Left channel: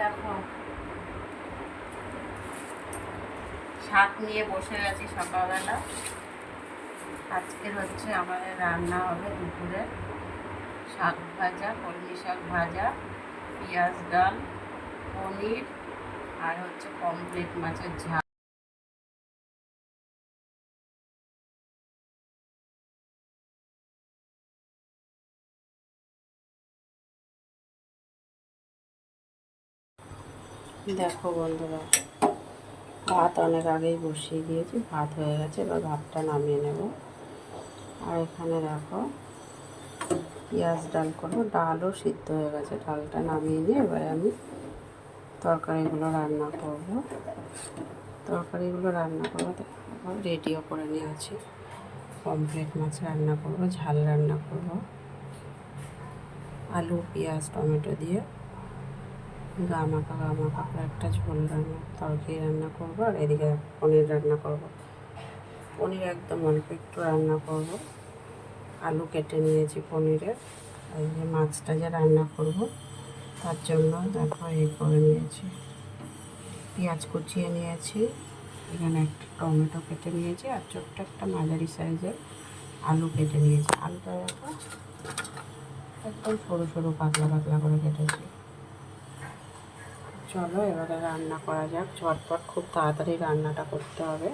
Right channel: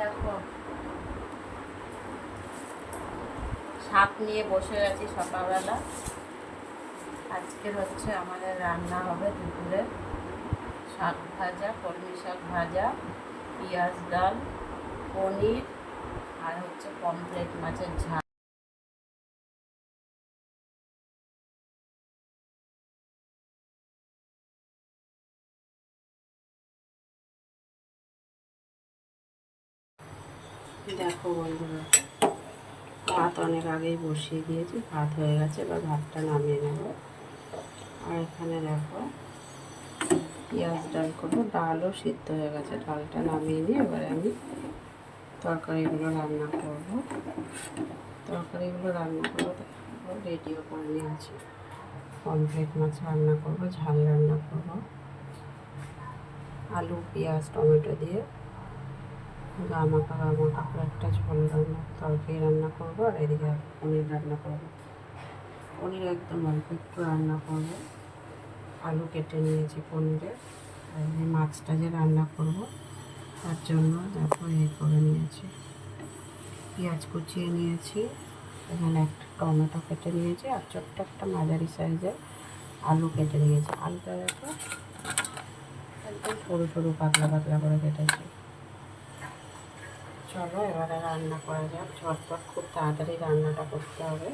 দেখো শাক নিয়ে বসে গেছি সকালবেলা। আজকের হচ্ছে আমাদের রান্না হবে দুপুরে শাক ভাজা, কলমি শাক ভাজা, পেঁয়াজ ডাল, পনির আর হচ্ছে পমফ্রেট মাছের ঝাল। দেখো বন্ধুরা, ভাত অনেক আগেই বসিয়ে দিয়েছি, ভাত হয়ে গেছে, এবার ভাতটা নামিয়ে নেব। আর এখানে দেখো পেঁয়াজ ডাল করবো, ডালও সিদ্ধ হয়ে গেছে, ডালটা নামিয়ে নিয়ে এবারে আমি তরকারিগুলো রান্না করব। দেখো রেডিও করে নিয়েছি। পমফ্রেট মাছ রান্না করব, ঝাল রান্না করব, আলু পেঁয়াজ টমেটো দিয়ে গা মাখা করে একটা ঝোল তরকারি রান্না করব। আর এদিকে পনির রান্না করব। পনির একদম অল্প একটু রান্না করব। আলু কেটে নিয়েছি পনিরের। আর যে মাছটা যে রান্না করব তার জন্য দেখো করে নিয়েছি, পেঁয়াজ কুচিয়ে নিয়েছি, এখানে একটা টমেটো কেটে নিয়েছি, আর ছোট্ট একটা মাঝারি সাইজের আলু কেটে নিয়েছি। আলুটা দেখো একদম সরু সরু পাতলা পাতলা করে কেটেছি। চলো এবারে রান্না করা যাক ঝটপট, খুব তাড়াতাড়ি রান্নাটা করতে হবে।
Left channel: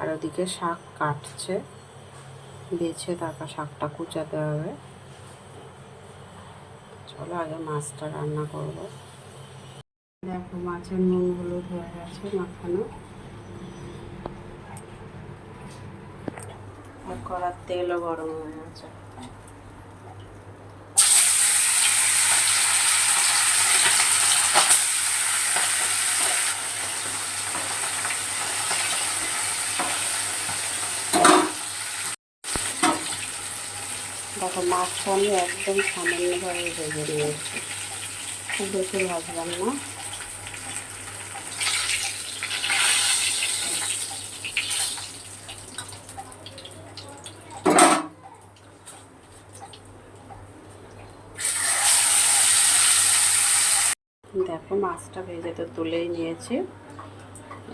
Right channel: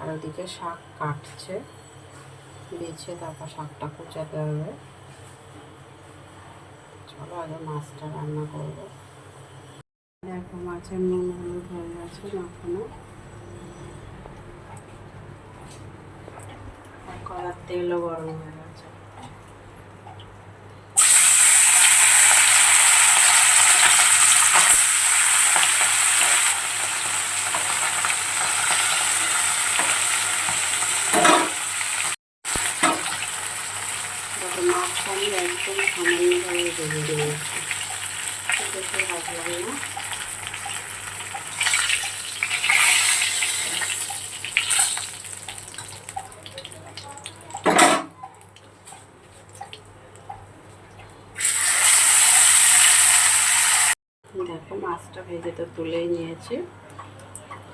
আর ওদিকে শাক কাটছে, বেছে তারপর শাকটা কুচাতে হবে। চলো আগে মাছটা রান্না করব। দেখো মাছের নুন হলুদ হয়ে গেছে মাখানো, আর কড়ার তেলও গরম হয়ে গেছে। দেখো মাছটা আমি একদম সামান্যভাবে ভেজে নিয়েছি, বেশি ভাজলাম না। দেখো মাছটা ভেজে তো তুলেই নিয়েছি।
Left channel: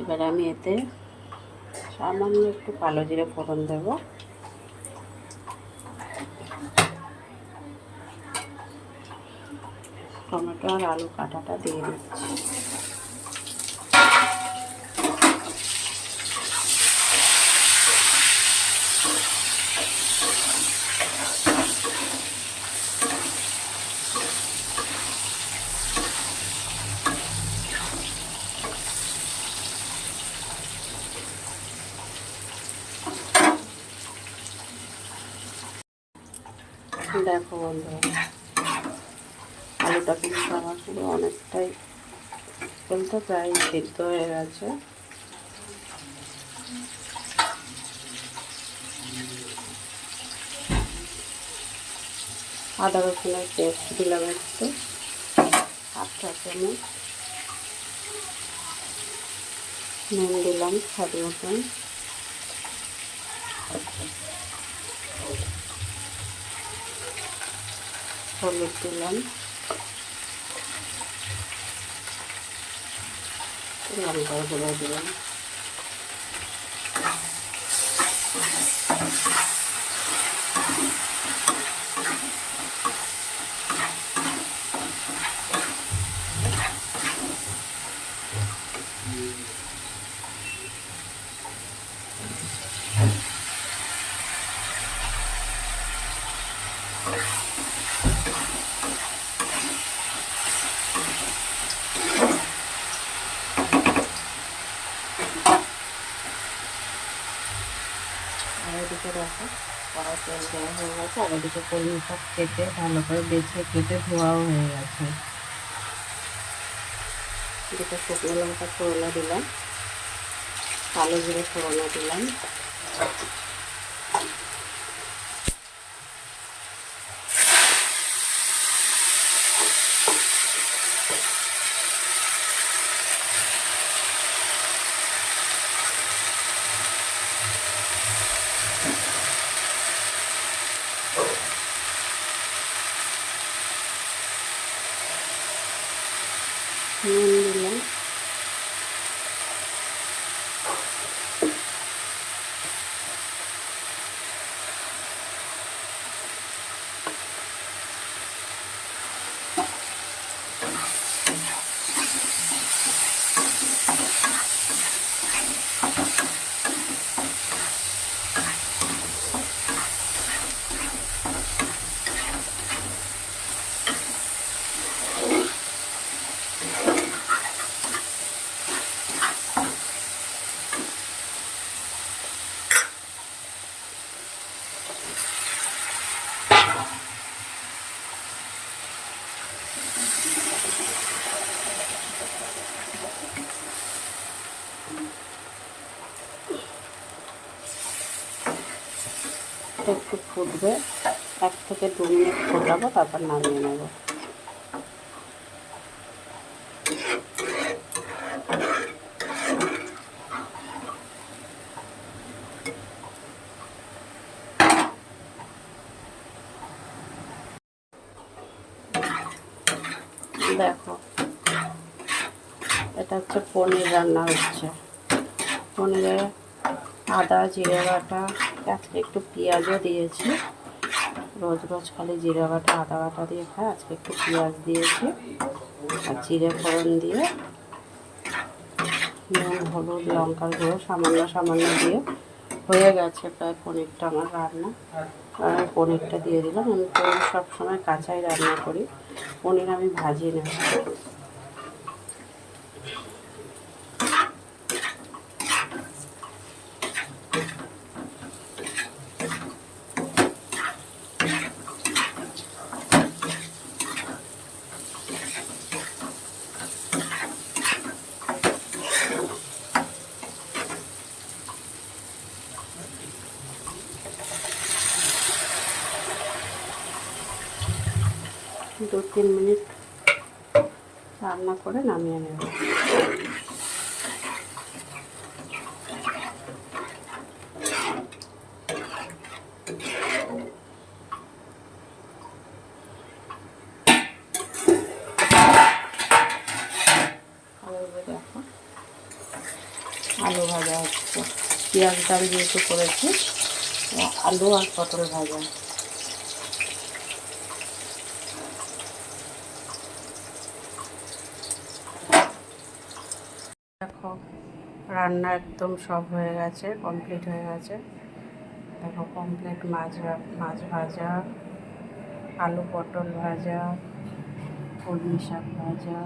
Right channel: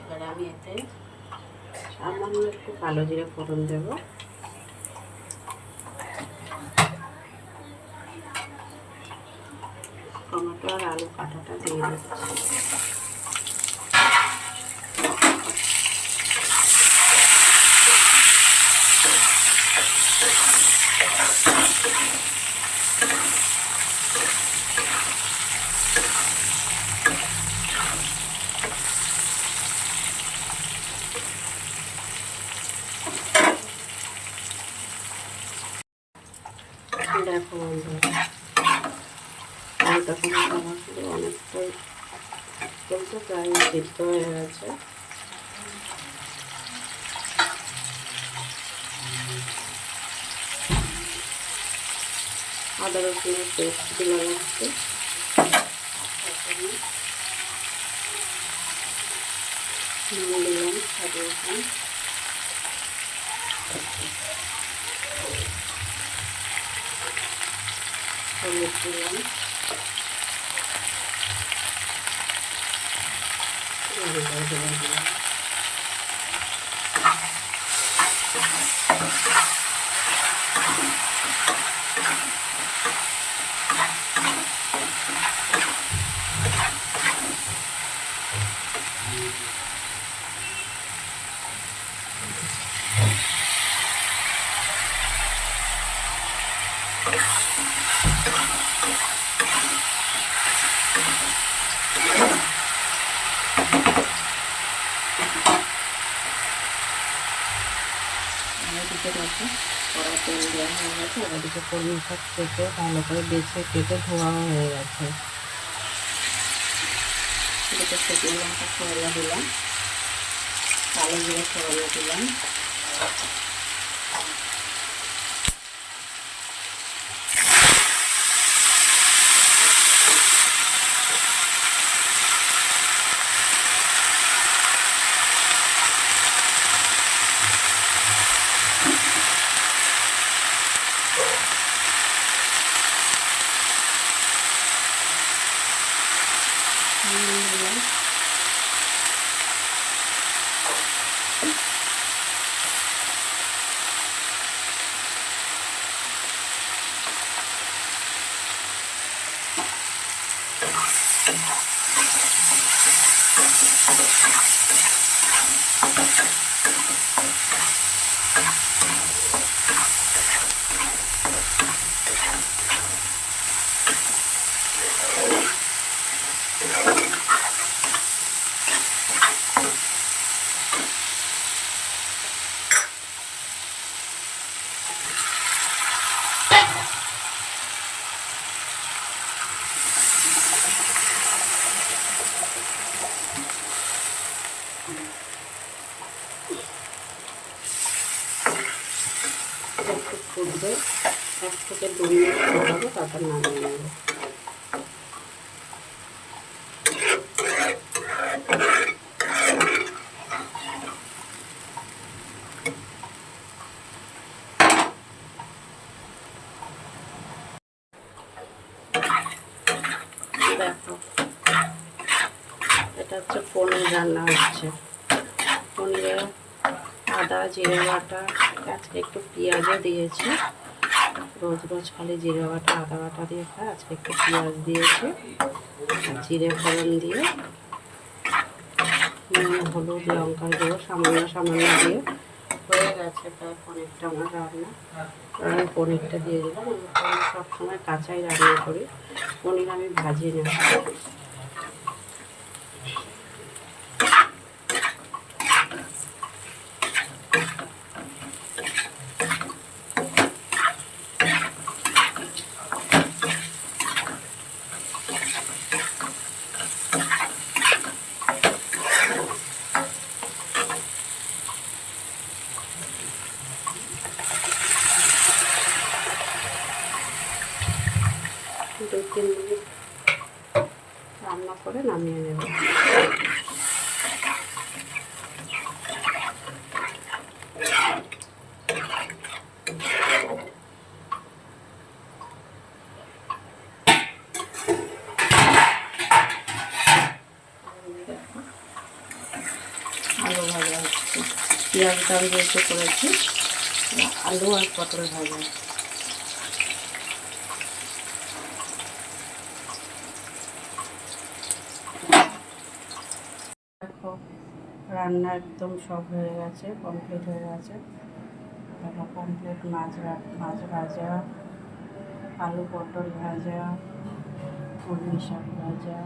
এবার আমি এতে সামান্য একটু কালো জিরে ফোড়ন দেব। টমেটো আর আলু কাটাটা দিয়ে দিচ্ছি। দেখো বন্ধুরা, আলুটা কিন্তু আমার পুরো অনেকটাই বলতে প্রায় সিদ্ধ হয়ে গেছে। আদা রসুনের পেস্ট দিলাম একটু, আচ্ছা নুন দিলাম স্বাদ মতন, হলুদ দিলাম, লঙ্কা গুঁড়ো দিলাম। এদিকে দেখো কড়াই তেল দেওয়া হয়ে গেছে, আর এদিকে কলমি শাক কেটে ভালো করে বেছে কেটে ধোয়াও হয়ে গেছে। এদিকে শুকনো লঙ্কা ফোড়নে দিলাম, কালো জিরে ফোড়নে দিলাম, নুন দিলাম, একটু ফুটবে, 1 থেকে 2 মিনিট ফোটাবো, তারপর নামিয়ে নেব। দেখো, এটা হচ্ছে পনির রান্না হচ্ছে। পনিরে আদা জিরে বাটা, আজকে একটু পেঁয়াজও দিয়েছি। রোজ রোজ খালি জিরে বাটা আদা বাটা দিয়ে খায়, আজকে একটু পেঁয়াজ দিয়েছি আর জিরে ফোড়ন দিয়ে নুন হলুদ লঙ্কার গুঁড়ো সামান্য সামান্য দিয়ে হয়ে গেছে প্রায় পনিরটা আমার রান্না। আর আমি পনিরটা দিয়ে দিলাম। আমি পনির সবসময় কাঁচাই রান্না করি, পনির আমি ভাজি না। 2-3 মিনিট রান্না করে নামিয়ে নেব। আলু ভাজা হচ্ছে, পেঁয়াজ ডাল যেহেতু করেছি, আলু আর পটল ভাজা। দেখো, রান্না একদম সব হয়ে গেছে, কমপ্লিট হয়ে গেছে। দেখো কমপ্লিট মাছ ভাজা, আলু পটল ভাজা, কলমি শাক ভাজা,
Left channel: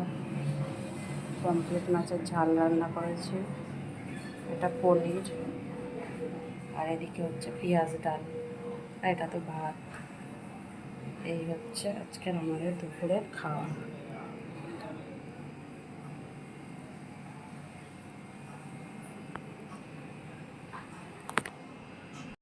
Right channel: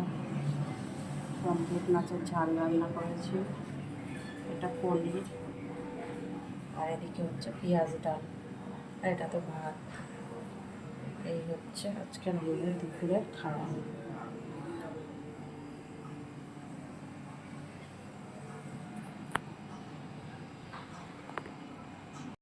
কমপ্লিট মাছের ঝাল রান্না করেছি, এটা পনির, আর এদিকে হচ্ছে পেঁয়াজ ডাল, আর এটা তো ভাত। এই হচ্ছে আজকের আমাদের দুপুরের খাওয়া।